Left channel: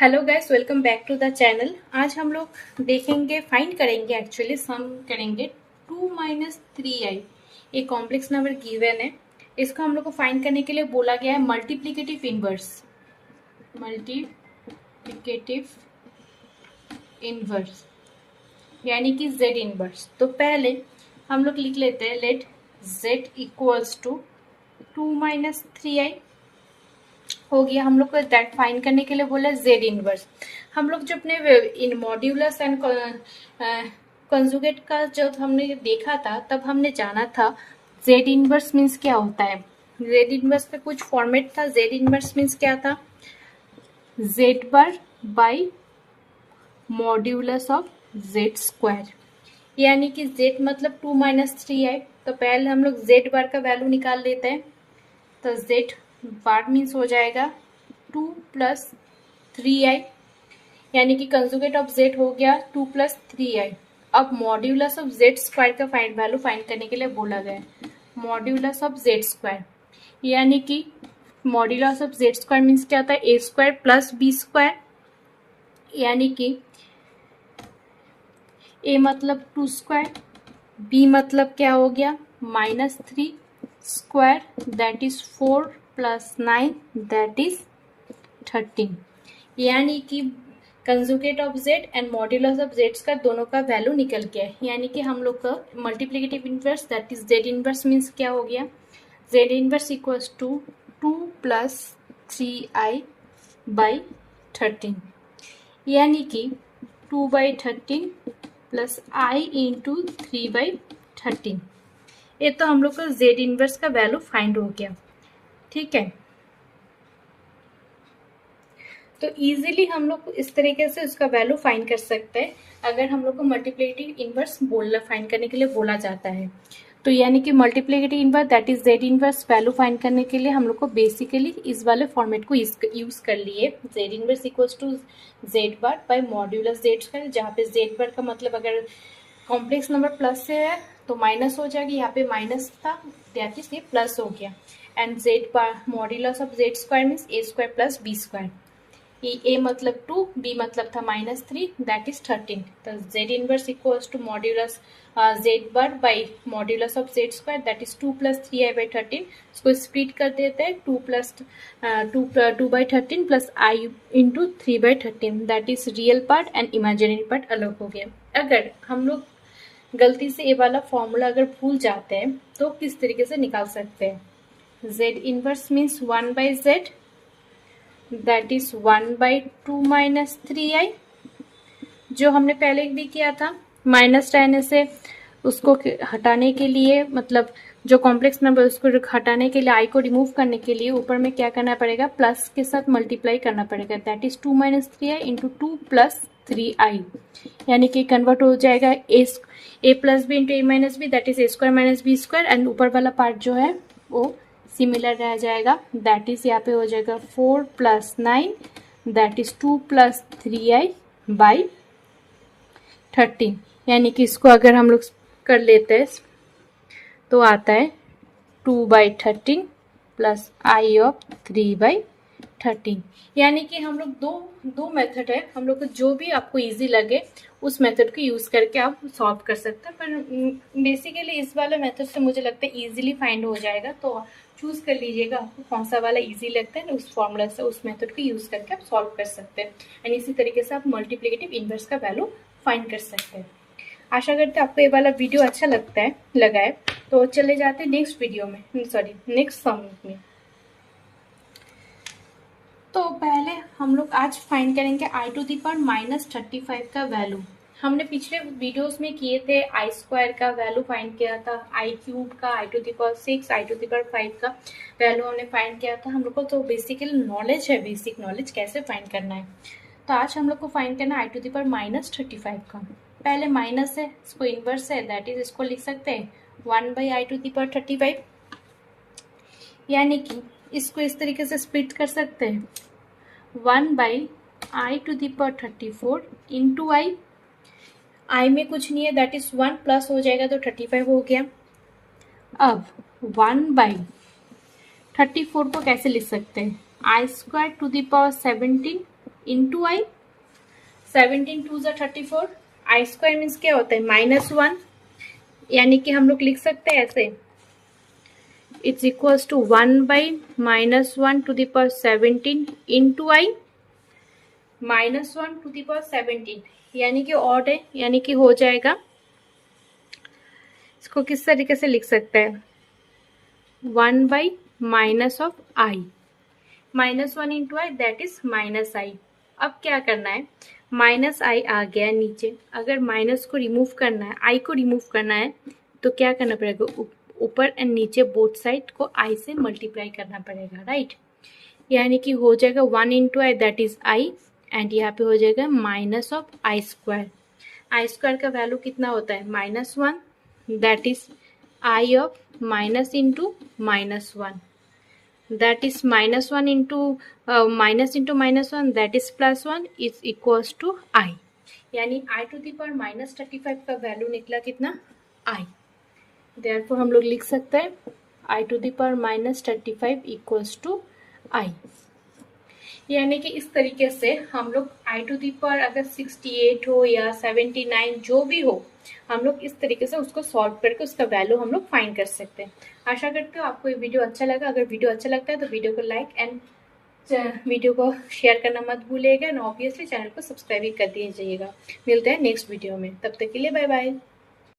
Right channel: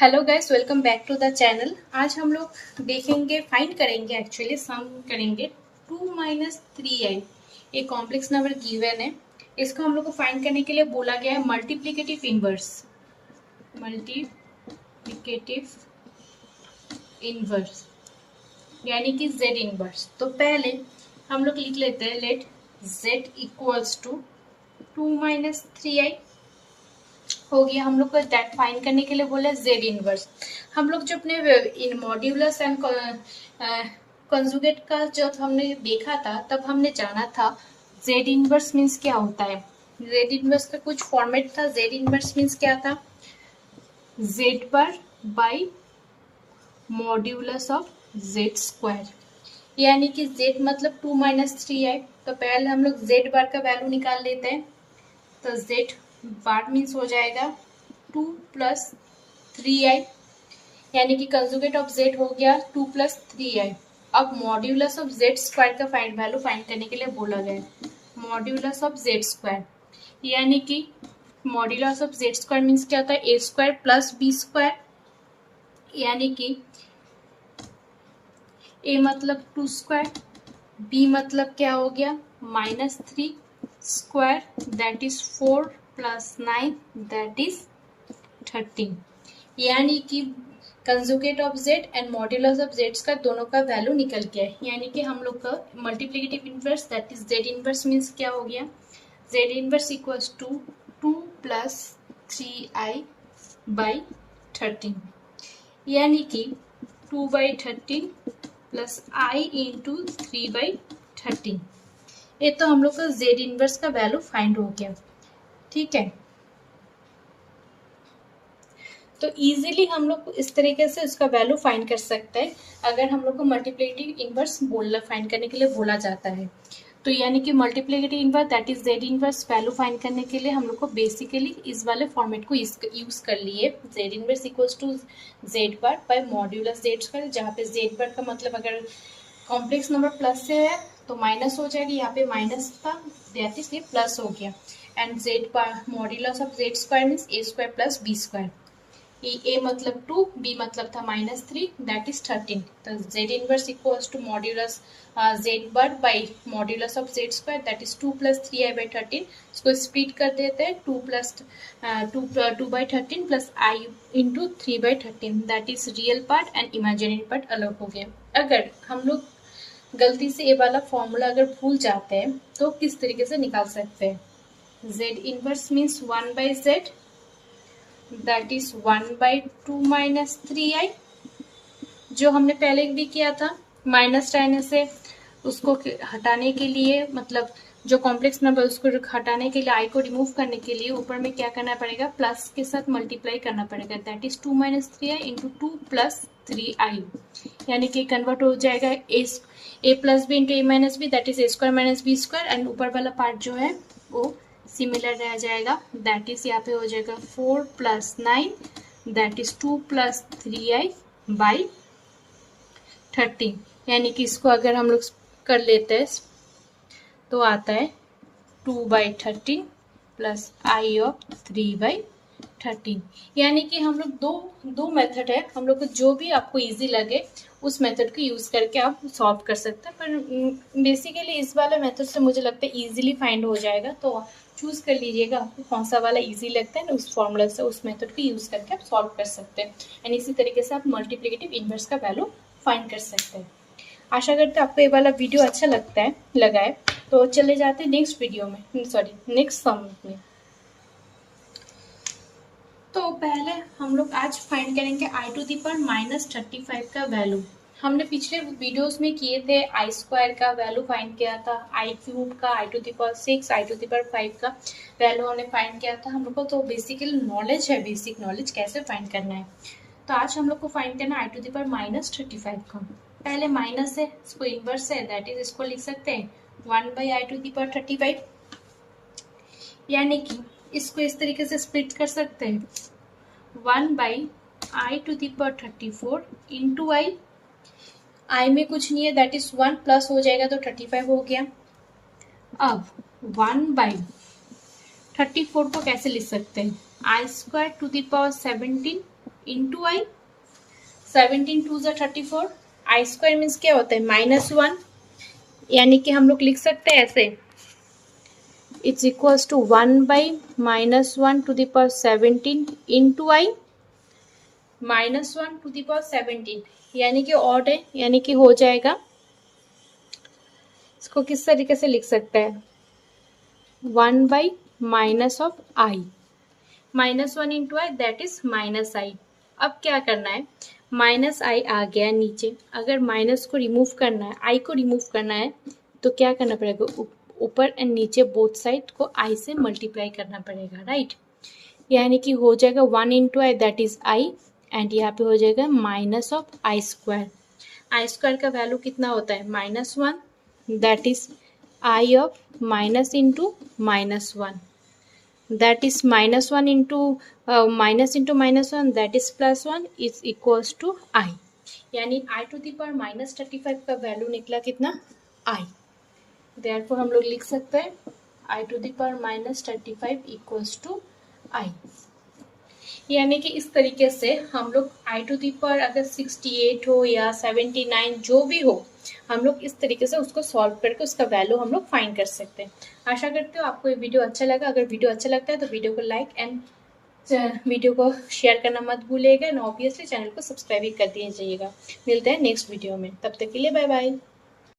Hello guys, welcome back to the channel. आज हम लोग देखेंगे, फाइंड करेंगे, एक्चुअली सम करेंगे 2 माइनस 3i। एक कॉम्प्लेक्स नंबर गिवन है। इसको हम लोग को फाइंड करने के लिए बोला गया है मल्टीप्लिकेटिव इनवर्स। मल्टीप्लिकेटिव इनवर्स यानी कि z इनवर्स। तो पहले हम लोग लिख लेते हैं, let z equals to 2 minus 3i हो गया। हम लोग को दैट फाइंड करने के लिए बोला जेड इनवर्स। हम लोग जो अपने इन मॉड्यूलस एंड कंजुगेट का जब हमने देखा था, तब हमने जाना था जेड इनवर्स मीन्स क्या होता है। जेड इनवर्स का कुछ फॉर्मेट था। जेड इनवर्स मीन्स क्या था, Z bar by modulus of Z square, यानी कि जेड मतलब 2 माइनस 3 है। तो पहले हम लोग जेड बार का वैल्यू निकाल लेते हैं। तो जेड बार मीन्स हो जाएगा 2 प्लस 3i, यानी कि कंजुगेट ऑफ जेड हो गया 2 प्लस 3i। अब मॉड्यूलस ऑफ जेड स्क्वायर का वैल्यू फाइंड करने के लिए बोला गया मॉड्यूलस ऑफ जेड स्क्वायर, यानी कि modulus of Z square means क्या होता है, ए स्क्वायर प्लस बी स्क्वायर, यानी कि ए मतलब 2 स्क्वायर, बी मतलब क्या हो गया -3 square, that is 4 plus 9 that is 13, यानी कि conjugate of Z and modulus of Z का दोनों का वैल्यू निकल गया है। यानी कि हम लोग का multiplicative inverse that is Z inverse means क्या हो गया, Z inverse equals to 2 plus 3i by 13, यानी कि 2 by 13 plus i into 3 by 13। ये तो हम लोग का जेड इनवर्स का वैल्यू फाइंड हो गया। ठीक है, तो इजीली हम लोग इस तरीके से उसका वैल्यू फाइंड कर सकते हैं अगर हम लोग को मल्टीप्लिकेटिव इनवर्स बोलना फाइंड करने के लिए बोला जाता है। तो यानी कि multiplicative inverse that is Z inverse value find करने के लिए हम लोग को बेसिकली इस वाले फॉर्मेट को यूज कर लिए, Z inverse equals to Z bar by modulus Z square, जहाँ पे जेड बार का मतलब अगर कॉम्प्लेक्स नंबर प्लस से है तो माइनस हो जाएगी, यहाँ पे माइनस था दैट इज ये प्लस हो गया, and Z bar modulus of Z square means A square plus B square. A मतलब 2, बी मतलब था -3 दैट इज 13। तो Z inverse equals to modulus Z bar by modulus of Z square that is 2 plus 3i by 13। इसको split कर देते हैं, 2 plus 2 by 13 plus I into 3 by 13, that is real part and imaginary part अलग हो गया। अगर हम लोग गलती से ये वाला फॉर्मूला अगर भूल जाते हैं तो किस तरीके से निकाल सकते हैं, Z inverse means 1 by Z that is 1 by 2 minus 3i, जो हमने पहले भी किया था। माइनस रहने से उसको हटाने के लिए, मतलब जो कॉम्प्लेक्स नंबर उसको हटाने के लिए, आई को रिमूव करने के लिए ऊपर में क्या करना पड़ेगा, प्लस के साथ मल्टीप्लाई करना पड़ेगा, that is 2 minus 3i into 2 plus 3i, यानी कि कन्वर्ट हो जाएगा A plus B into A minus B that is A square minus B square, and ऊपर वाला पार्ट जो है वो सिमिलर रह जाएगा, दैट इज यहाँ पे हो जाएगा 4 plus 9 that is 2 plus 3i by 30, यानी कि इसको अगर हम लोग कर लेते हैं तो आता है 2 by 13 plus I of 3 by 13, यानी कि हम लोग दो मेथड है, हम लोग को जो भी आपको इजी लगे उस मेथड को यूज करके आप सॉल्व कर सकते हैं। पर बेसिकली इस वाले मेथड से मुझे लगता है इजीली फाइंड हो जाएगा, तो चूज कर लीजिएगा आपको कौन सा वाला इजी लगता है ना, उस फॉर्मूला से उस मेथड को यूज करके आप सॉल्व कर सकते हैं, एंड इसी तरीके से आप मल्टीप्लिकेटिव इनवर्स का वैल्यू फाइंड कर सकते हैं। आशा करते हैं आपको ये वाला वीडियो अच्छा लगा है। तो चले जाते हैं नेक्स्ट वीडियो में, सॉरी नेक्स्ट सम में। तो पहले हम लोग आज फाइंड करेंगे आई टू दी पावर -35 का वैल्यू। हमने पिछले वीडियोस में किए थे आई स्क्वायर का वैल्यू फाइंड किया था, आई क्यूब का, i to the power 6, i to the power 5 का वैल्यू हमने फाइंड किया था। हम लोग को तो बेसिकल नॉलेज है, बेसिक नॉलेज कैसे फाइंड करना है। तो आज हम लोग को फाइंड करना है आई टू दी पावर -35 का। पहले माइनस है, इसको इनवर्स है, दैट इज इसको लिख सकते हैं 1 by I to the power 35, यानी कि इसको इस तरीके से स्प्लिट कर सकते हैं 1 by I to the power 34 into i में कुछ नहीं है दैट इज 1 प्लस हो जाएगा तो 35 हो गया। अब 1 बाई 34 को कैसे लिख सकते हैं, i square to the power 17 into i, 17 twos are 34, I square means क्या होता है -1, यानी कि हम लोग लिख सकते हैं ऐसे, it's equals to 1/-1 to the power 17 into I -1 to the power 17, यानी कि ऑड है, यानी कि हो जाएगा, इसको किस तरीके से लिख सकते हैं, 1/-, -1 into I that is -i। अब क्या करना है, -i आ गया नीचे, अगर माइनस को रिमूव करना है, i को रिमूव करना है, तो क्या करना पड़ेगा, ऊपर एंड नीचे बोथ साइड को i से मल्टीप्लाई करना पड़ेगा, राइट। यानी कि हो जाएगा 1 into I that is i, and यहाँ पे हो जाएगा -i²। आई स्क्वायर का वैल्यू कितना होता है, -1, that is i of minus into -1, that is -1 into minus into -1 that is +1 is equals to I, यानी I to the power -35 का वैल्यू निकला कितना, I। therefore हम लोग लिख सकते हैं I to the power -35 equals to I। यानी कि इस तरीके से हम लोग I to the power अगर 68 हो या 79 जो भी हो, हम लोग इस तरीके से उसको सॉल्व करके उसका वैल्यू हम लोग फाइंड कर सकते हैं। आशा करते हो आपको ये वीडियो अच्छा लगा। अगर वीडियो अच्छा लगता है तो वीडियो को लाइक एंड वीडियो को शेयर करना मत भूलिएगा, एंड ऑब्वियसली चैनल को सब्सक्राइब भी कर दीजिएगा। मिलते हैं नेक्स्ट वीडियो में, तब तक के लिए बाय बाय।